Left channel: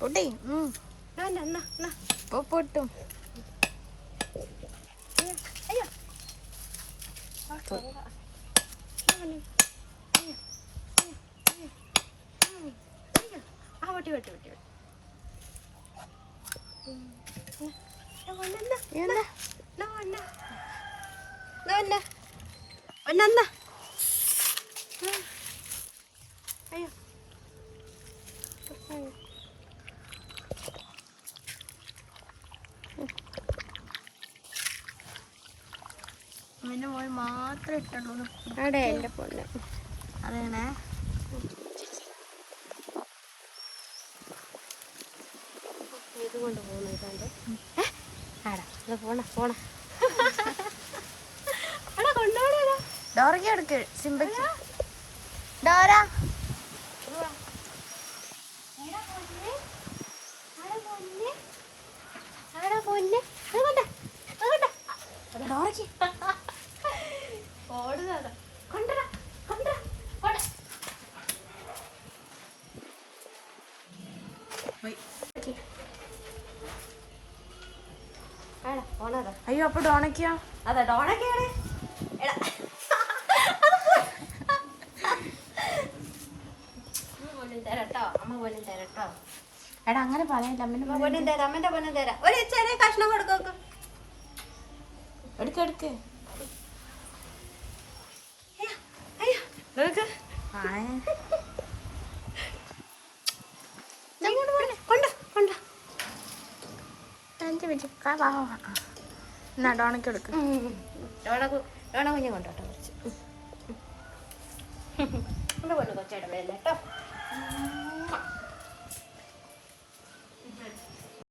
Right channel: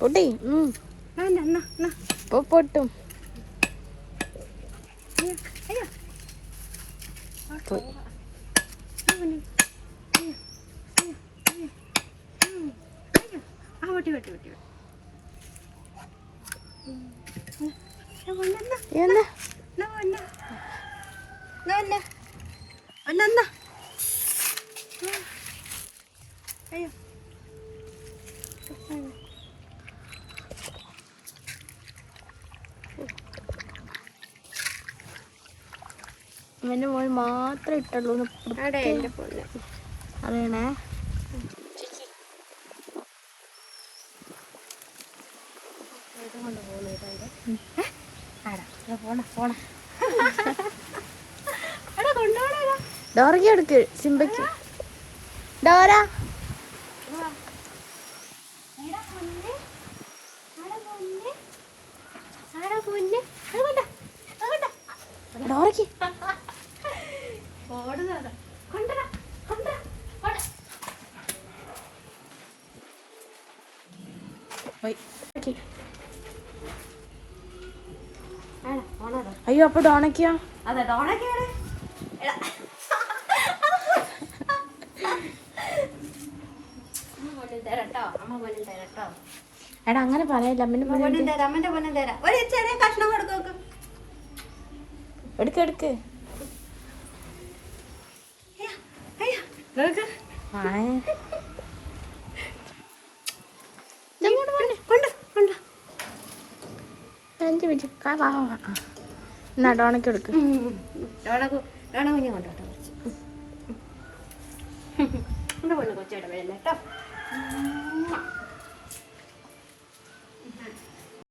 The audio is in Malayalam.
പൊട്ടി പൊട്ടും. അവൻ്റെ മോൾ മാത്രമേ ഇട്ടുള്ളൂ. അറിയണേ. ഡോറയ്ക്ക് എടുക്ക്, സിംബയ്ക്ക്. ഡോറ ഡോറയ്ക്ക് അയ്യോ. അപ്പൊ ഡോണയ്ക്കോ? അതെ, ഡോണയ്ക്കാണ്. എടാ അങ്ങനെ പറയല്ല. അമ്മന്റെ പൊന്നും തരാം. ഒരു ചെറിയ കഷ്ണം കൊടുക്കും. എടുക്കെടുക്ക്. എന്നാ ഡോണയ്ക്ക് എടുക്ക്. ഡോണ കുഞ്ഞു കൊണ്ടോട്ടെ കുറച്ച്. എന്റെ പൊന്നു കൊച്ചിടല്ലേ കേട്ടോ.